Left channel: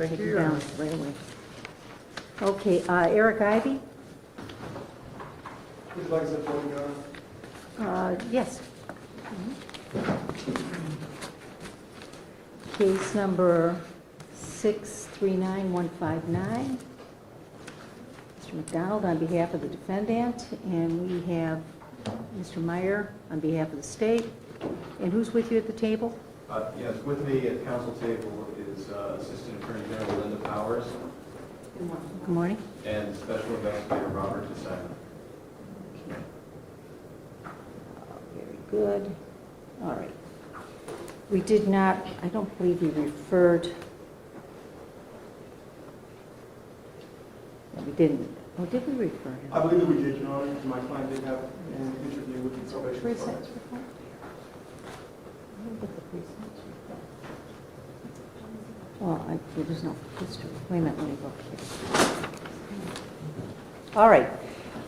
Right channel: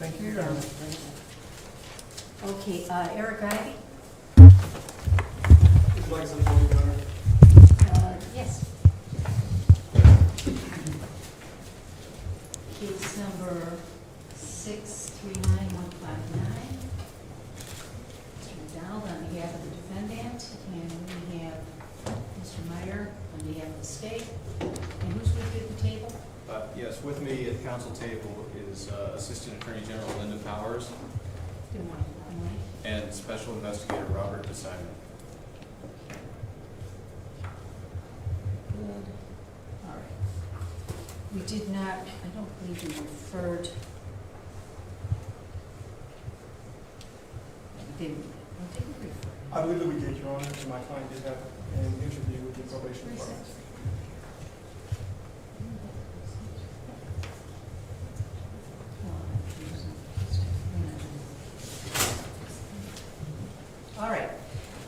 Thank Take you. it down, Larry. Okay, Eric Ivey? Would you like some voting matter? Yes. Case number 639159. Mr. McDonald on behalf of the defendant, and we have Mr. Meyer on behalf of the state. And who's with you at the table? Yes, with me at the council table is Assistant Attorney General Linda Powers Good morning. and Special Investigator Robert DeSimon. Very good. All right. We did not, I don't believe we referred. No, we didn't. Oh, did we refer him? I believe that we did, Your Honor. My client did have an interview with the probation Where's that? department. Well, there's no history. Wait a minute, let me look. All right.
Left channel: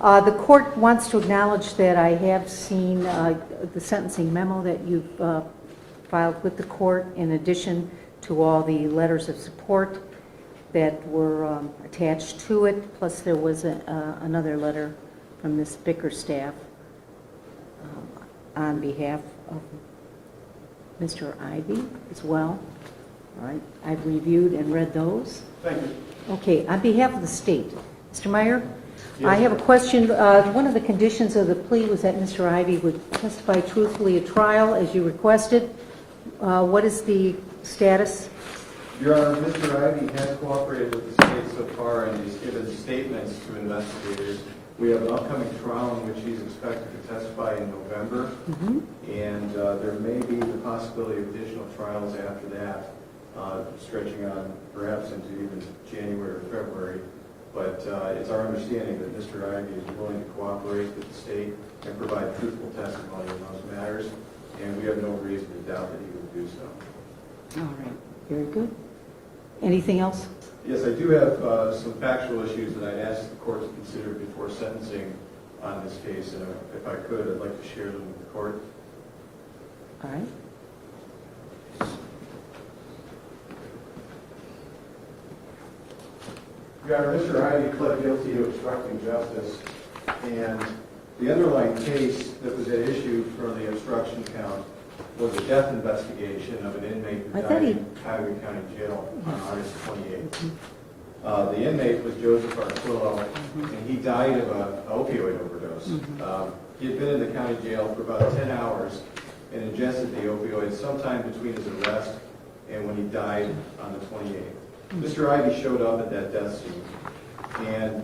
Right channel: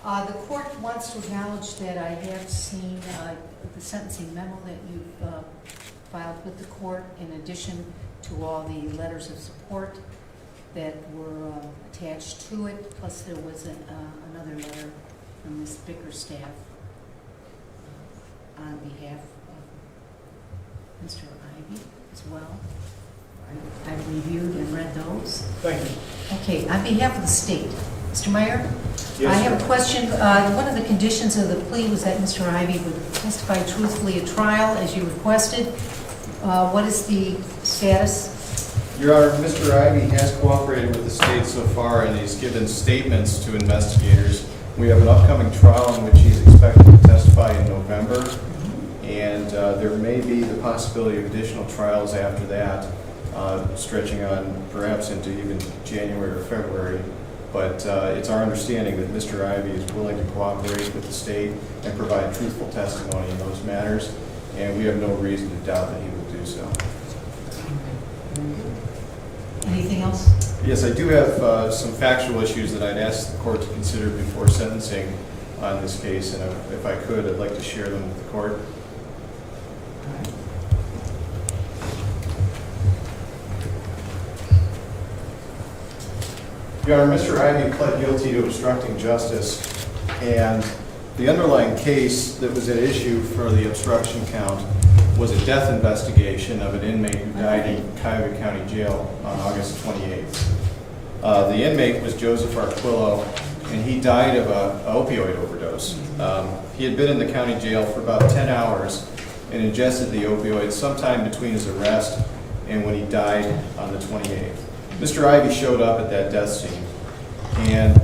The court wants to acknowledge that I have seen the sentencing memo that you've filed with the court, in addition to all the letters of support that were attached to it, plus there was another letter from Ms. Bickerstaff on behalf of Mr. Ivey as well. All right, I've reviewed and read those. Thank you. Okay, on behalf of the state, Mr. Meyer? Yes, I have ma'am. a question. One of the conditions of the plea was that Mr. Ivey would testify truthfully at trial, as you requested. What is the status? Your Honor, Mr. Ivey has cooperated with the state so far, and he's given statements to investigators. We have an upcoming trial in which he's expected to testify in November, and there may be the possibility of additional trials after that, stretching on perhaps into even January or February. But it's our understanding that Mr. Ivey is willing to cooperate with the state and provide truthful testimony in those matters, and we have no reason to doubt that he will do so. Very good. Anything else? Yes, I do have some factual issues that I'd ask the court to consider before sentencing on this case, and if I could, I'd like to share them with the court. All right. Your Honor, Mr. Ivey pled guilty to obstructing justice, and the underlying case that was at issue for the obstruction count was a death investigation of an inmate who died in Cuyahoga County Jail on August 28th. The inmate was Joseph Arquillo, and he died of an opioid overdose. He had been in the county jail for about 10 hours and ingested the opioid sometime between his arrest and when he died on the 28th. Mr. Ivey showed up at that death scene, and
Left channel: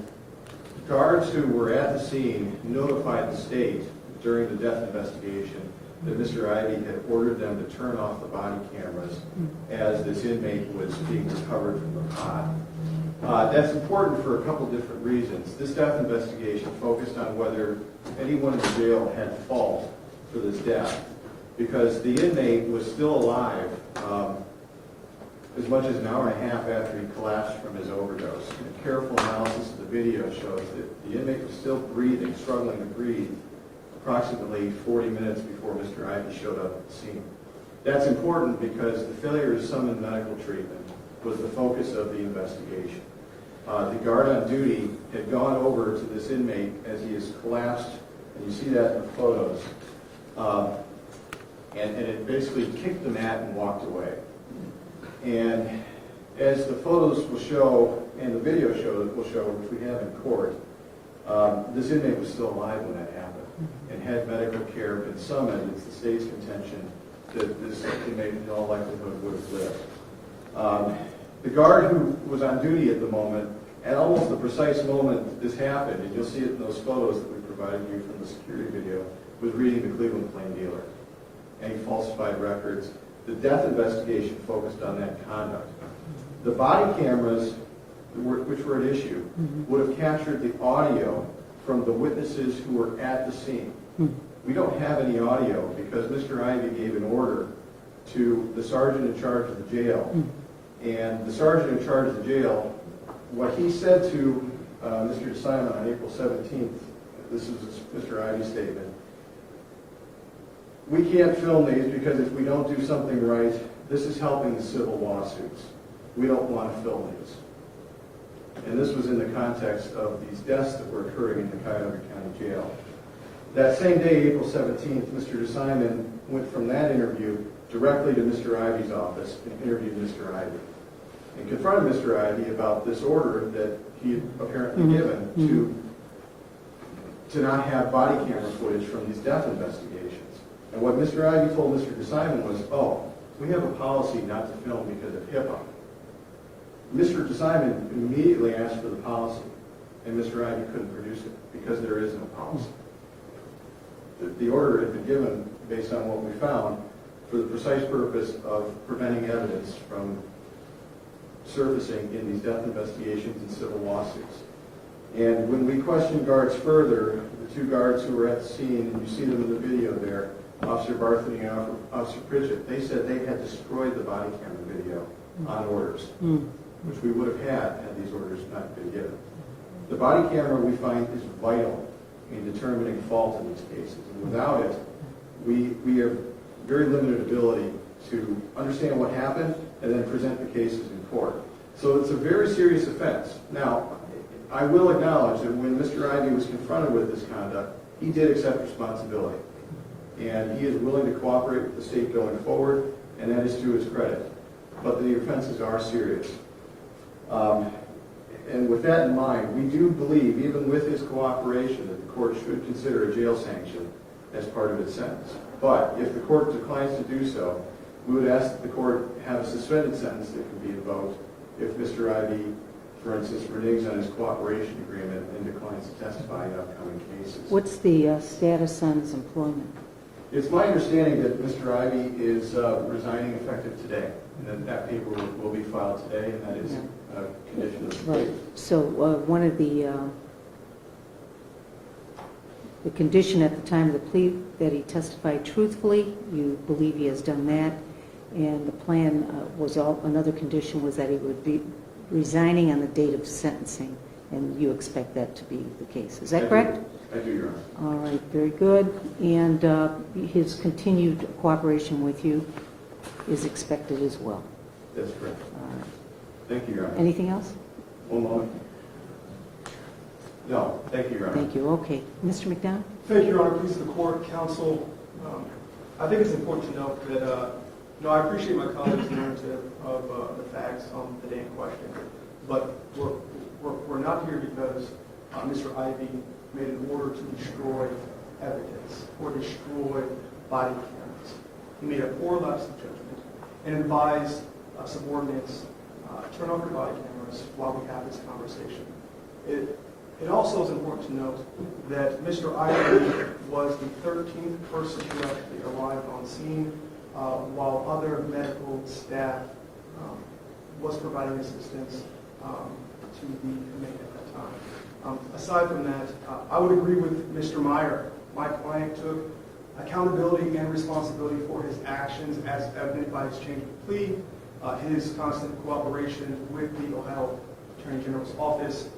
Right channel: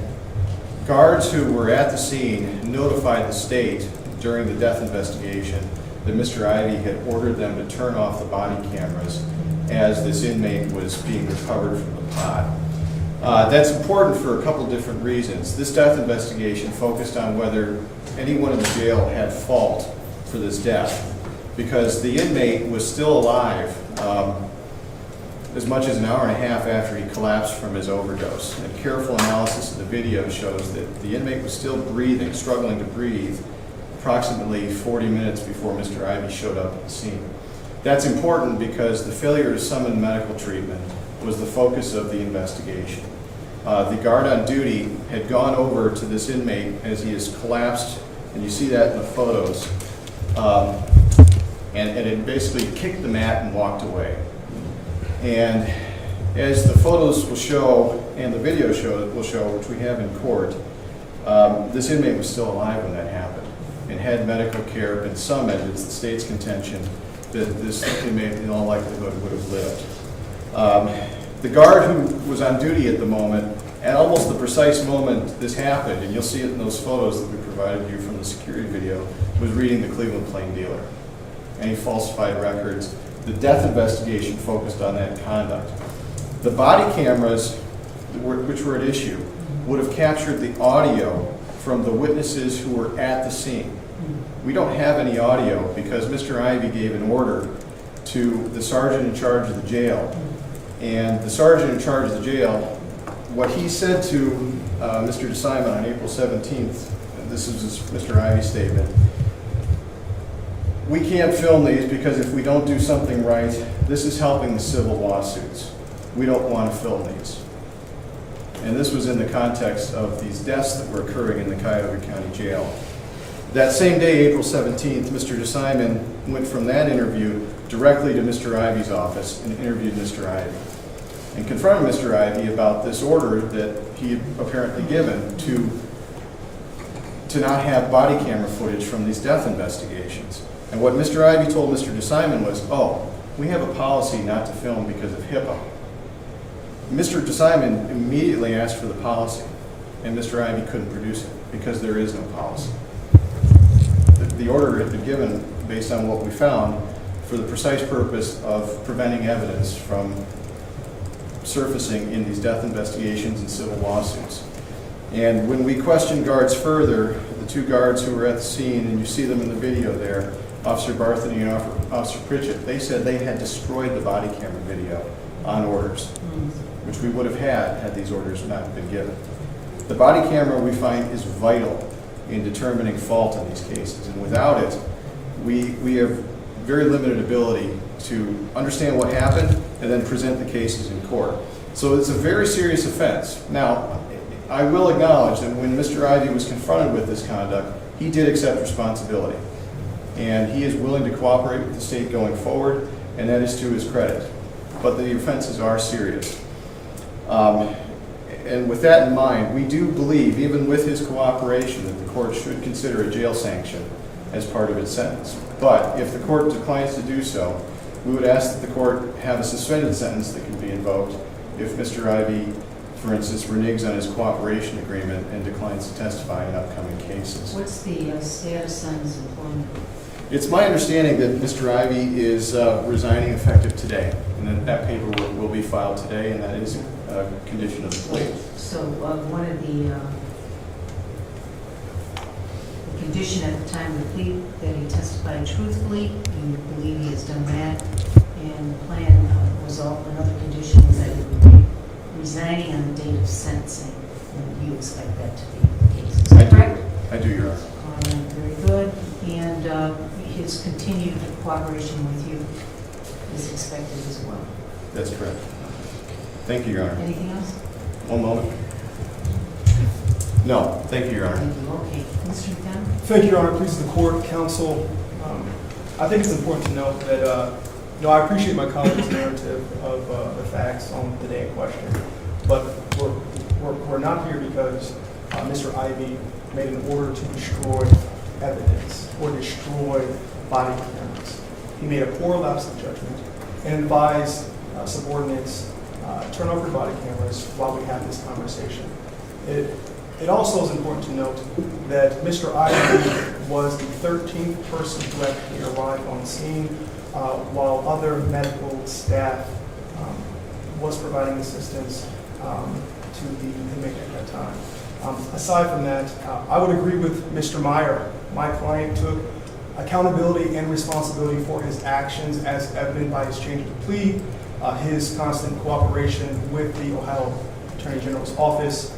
guards who were at the scene notified the state during the death investigation that Mr. Ivey had ordered them to turn off the body cameras as this inmate was being recovered from the pod. That's important for a couple different reasons. This death investigation focused on whether anyone in the jail had fault for this death, because the inmate was still alive as much as an hour and a half after he collapsed from his overdose. And careful analysis of the video shows that the inmate was still breathing, struggling to breathe, approximately 40 minutes before Mr. Ivey showed up at the scene. That's important because the failure to summon medical treatment was the focus of the investigation. The guard on duty had gone over to this inmate as he has collapsed, and you see that in the photos, and had basically kicked the mat and walked away. And as the photos will show, and the video will show, which we have in court, this inmate was still alive when that happened. And had medical care been summoned, it's the state's contention that this inmate in all likelihood would have lived. The guard who was on duty at the moment, at almost the precise moment this happened, and you'll see it in those photos that we provided you from the security video, was reading the Cleveland Plain Dealer. Any falsified records. The death investigation focused on that conduct. The body cameras, which were at issue, would have captured the audio from the witnesses who were at the scene. We don't have any audio because Mr. Ivey gave an order to the sergeant in charge of the jail. And the sergeant in charge of the jail, what he said to Mr. DeSimon on April 17th, and this is Mr. Ivey's statement, we can't film these because if we don't do something right, this is helping the civil lawsuits. we don't want to film these. And this was in the context of these deaths that were occurring in the Cuyahoga County Jail. That same day, April 17th, Mr. DeSimon went from that interview directly to Mr. Ivey's office and interviewed Mr. Ivey and confronted Mr. Ivey about this order that he had apparently given to not have body camera footage from these death investigations. And what Mr. Ivey told Mr. DeSimon was, oh, we have a policy not to film because of HIPAA. Mr. DeSimon immediately asked for the policy, and Mr. Ivey couldn't produce it because there is no policy. The order had been given based on what we found for the precise purpose of preventing evidence from surfacing in these death investigations and civil lawsuits. And when we questioned guards further, the two guards who were at the scene, and you see them in the video there, Officer Barthany and Officer Pritchett, they said they had destroyed the body camera video on orders, which we would have had these orders not been given. The body camera, we find, is vital in determining fault in these cases, and without it, we have very limited ability to understand what happened and then present the cases in court. So it's a very serious offense. Now, I will acknowledge that when Mr. Ivey was confronted with this conduct, he did accept responsibility, and he is willing to cooperate with the state going forward, and that is to his credit. But the offenses are serious. And with that in mind, we do believe, even with his cooperation, that the court should consider a jail sanction as part of its sentence. But if the court declines to do so, we would ask that the court have a suspended sentence that can be invoked if Mr. Ivey, for instance, reneges on his cooperation agreement and declines to testify in upcoming cases. What's the status on his employment? It's my understanding that Mr. Ivey is resigning effective today, and that paperwork will be filed today, and that is a condition of the plea. So one of the condition at the time of the plea that he testified truthfully, you believe he has done that, and the plan was another condition was that he would be resigning on the date of sentencing, and you expect that to be the case. Is that correct? I do, Your Honor. All right, very good. And his continued cooperation with you is expected as well. That's correct. Thank you, Your Honor. Anything else? One moment. No, thank you, Your Honor. Thank you. Okay. Mr. McDonough? Thank you, Your Honor. Please, the court, counsel. I think it's important to note that, I appreciate my colleague's narrative of the facts on the day in question, but we're not here because Mr. Ivey made an order to destroy evidence or destroy body cameras. He made a poor lapse of judgment and advised subordinates, turn off your body cameras while we have this conversation. It also is important to note that Mr. Ivey was the 13th person who actually arrived on scene while other medical staff was providing assistance to the inmate at that time. Aside from that, I would agree with Mr. Meyer. My client took accountability and responsibility for his actions as evident by his change of plea, his constant cooperation with the Ohio Attorney General's office,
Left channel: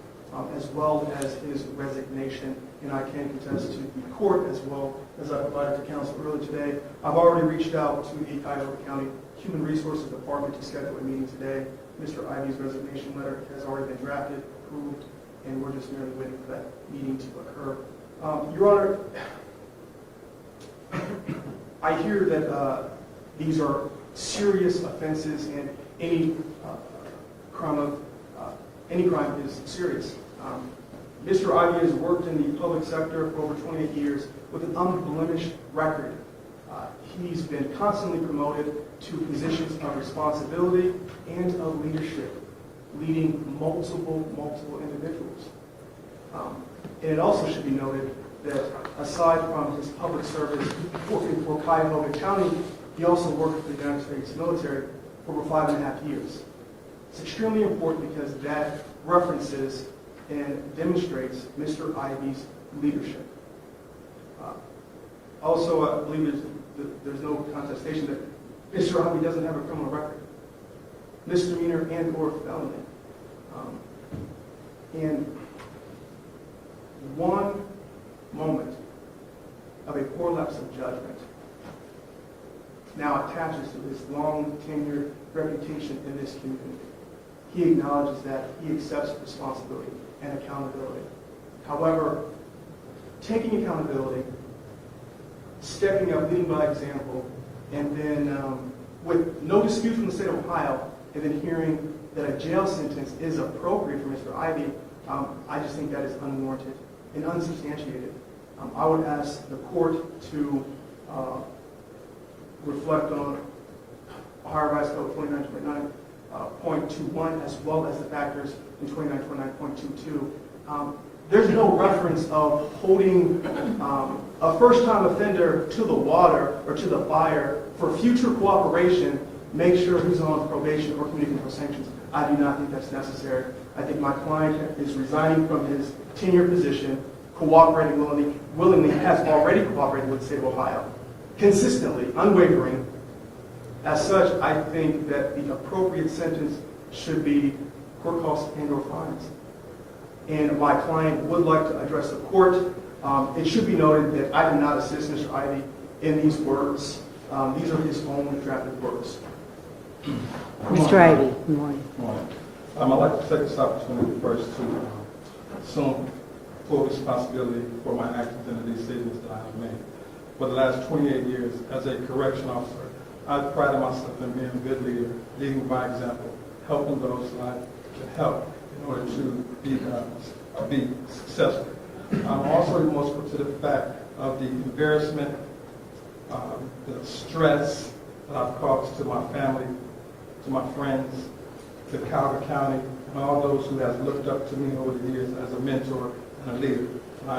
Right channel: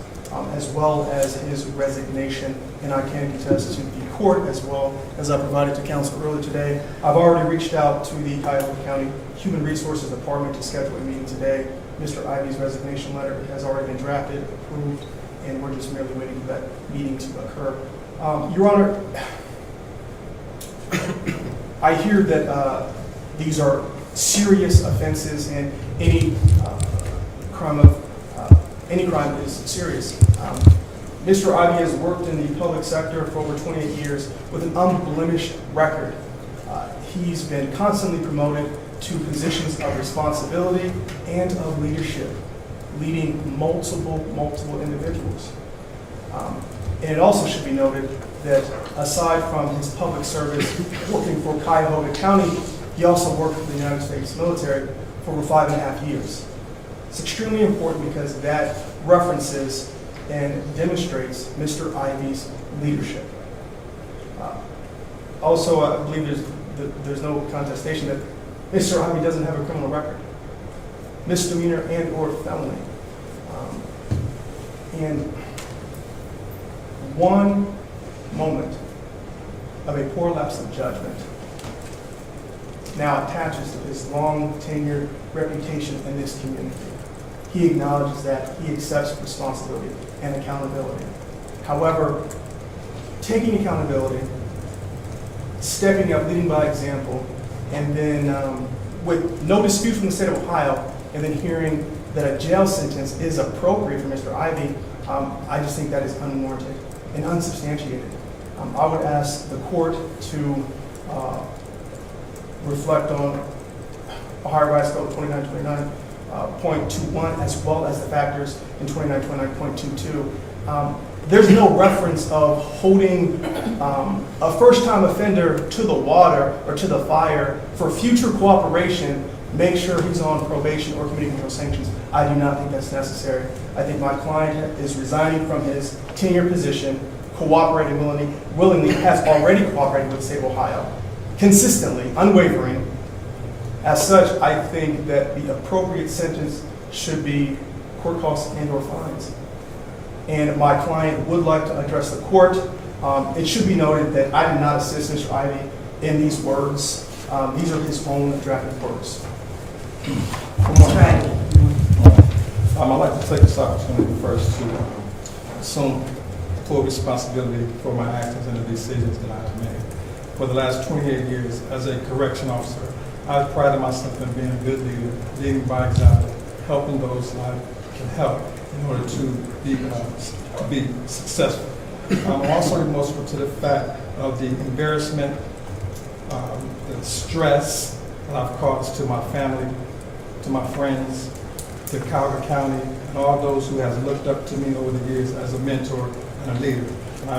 as well as his resignation. And I can contest to the court, as well as I provided to counsel earlier today. I've already reached out to the Cuyahoga County Human Resources Department to schedule a meeting today. Mr. Ivey's resignation letter has already been drafted, approved, and we're just merely waiting for that meeting to occur. Your Honor, I hear that these are serious offenses, and any crime is serious. Mr. Ivey has worked in the public sector for over 28 years with an unblemished record. He's been constantly promoted to positions of responsibility and of leadership, leading multiple individuals. And it also should be noted that aside from his public service working for Cuyahoga County, he also worked for the United States military for over 5.5 years. It's extremely important because that references and demonstrates Mr. Ivey's leadership. Also, I believe there's no contestation that Mr. Ivey doesn't have a criminal record, misdemeanor and or felony. And one moment of a poor lapse of judgment now attaches to his long tenured reputation in this community. he acknowledges that he accepts responsibility and accountability. However, taking accountability, stepping up, leading by example, and then with no dispute from the state of Ohio, and then hearing that a jail sentence is appropriate for Mr. Ivey, I just think that is unwarranted and unsubstantiated. I would ask the court to reflect on Ohio Revised Code 2929.21 as well as the factors in 2929.22. There's no reference of holding a first-time offender to the water or to the fire for future cooperation, make sure he's on probation or committing criminal sanctions. I do not think that's necessary. I think my client is resigning from his tenure position, cooperating willingly, has already cooperated with the state of Ohio, consistently, unwavering. As such, I think that the appropriate sentence should be court costs and/or fines. And my client would like to address the court. It should be noted that I did not assist Mr. Ivey in these words. These are his own drafted words. Mr. Ivey. I'd like to take this opportunity first to assume full responsibility for my actions and the decisions that I've made. For the last 28 years as a correction officer, I've prided myself in being a good leader, leading by example, helping those I can help in order to be successful. I'm also remorseful to the fact of the embarrassment, the stress that I've caused to my family, to my friends, to Cuyahoga County, and all those who have looked up to me over the years as a mentor and a leader. And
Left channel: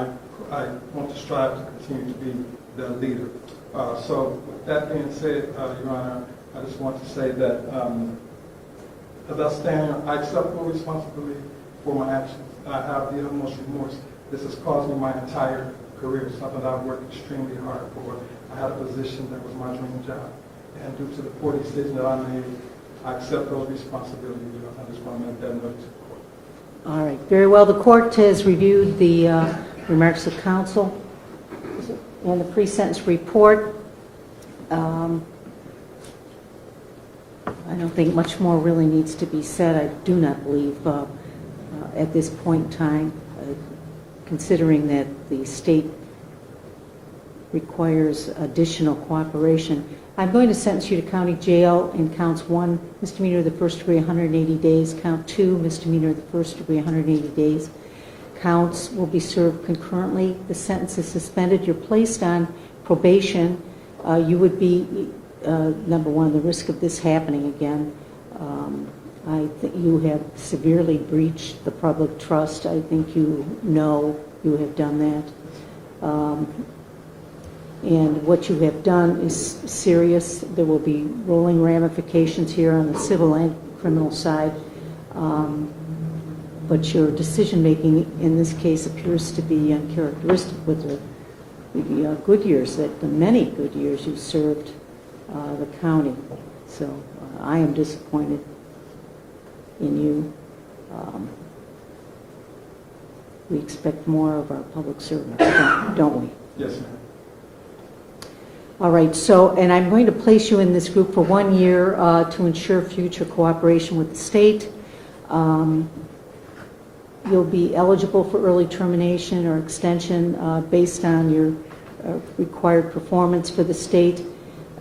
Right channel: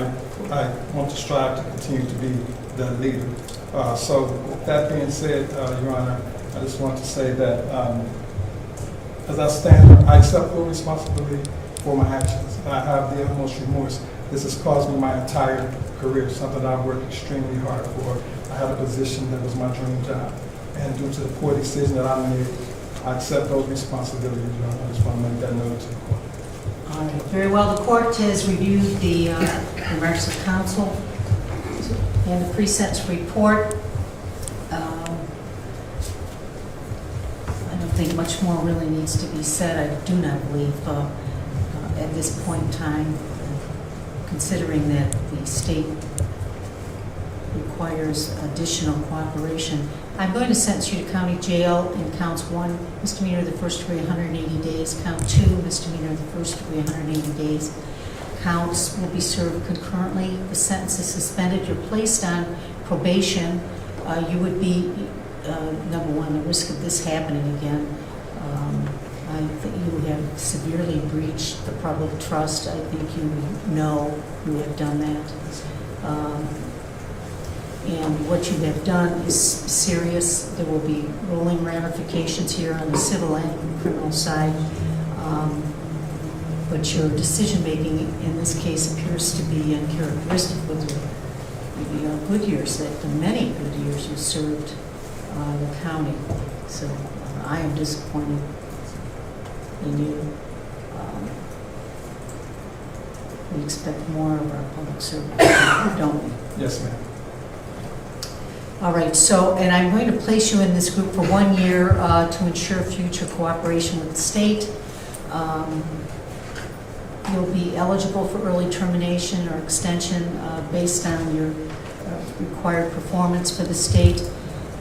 I want to strive to continue to be that leader. So with that being said, Your Honor, I just want to say that as I stand here, I accept full responsibility for my actions. I have the utmost remorse. This has caused me my entire career, something I've worked extremely hard for. I had a position that was my dream job. And due to the poor decision that I made, I accept those responsibilities, Your Honor. I just want to make that known to the court. All right, very well. The court has reviewed the remarks of counsel and the pre-sentence report. I don't think much more really needs to be said. I do not believe at this point in time, considering that the state requires additional cooperation, I'm going to sentence you to county jail in counts 1, misdemeanor of the first degree, 180 days, count 2, misdemeanor of the first degree, 180 days. Counts will be served concurrently. The sentence is suspended. You're placed on probation. You would be, number one, the risk of this happening again. I think you have severely breached the public trust. I think you know you have done that. And what you have done is serious. There will be rolling ramifications here on the civil and criminal side. But your decision-making in this case appears to be uncharacteristic with the good years, the many good years you served the county. So I am disappointed in you. We expect more of our public servants, don't we? Yes, ma'am. All right, so, and I'm going to place you in this group for 1 year to ensure future cooperation with the state. You'll be eligible for early termination or extension based on your required performance for the state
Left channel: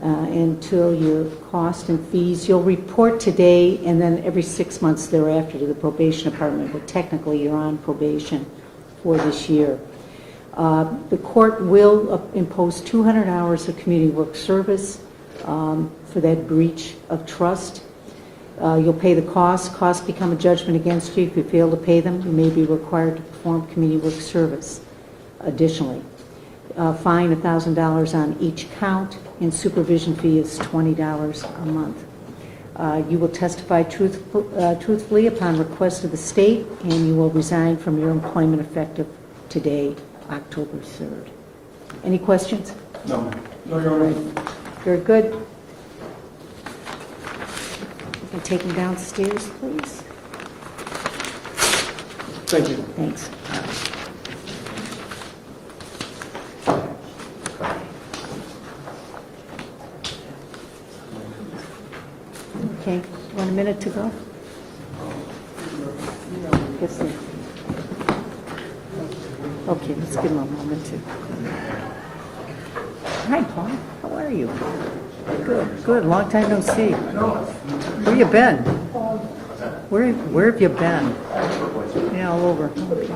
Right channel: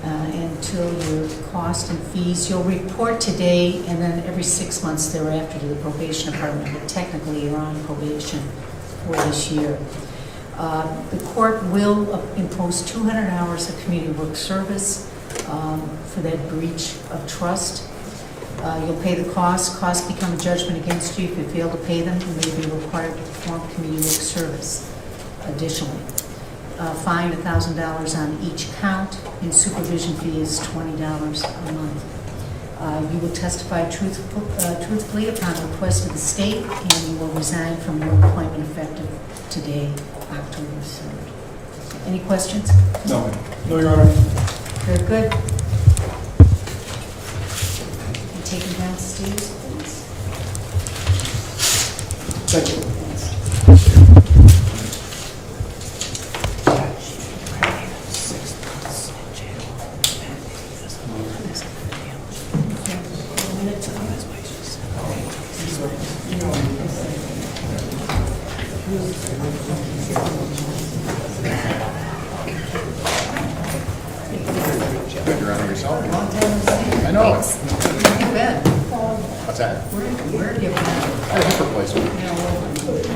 until your cost and fees. You'll report today and then every 6 months thereafter to the probation department, but technically you're on probation for this year. The court will impose 200 hours of community work service for that breach of trust. You'll pay the costs. Costs become a judgment against you. If you fail to pay them, you may be required to perform community work service. Additionally, fine $1,000 on each count, and supervision fee is $20 a month. You will testify truthfully upon request of the state, and you will resign from your employment effective today, October 3rd. Any questions? No, ma'am. No, Your Honor. Very good. You can take him downstairs, please. Thank you. Thanks. Okay, 1 minute to go. Okay, just give him a moment. Hi, Bob. How are you? Good, long time no see. I know. Where you been? What's that? Where have you been? Replacement. Yeah, all over.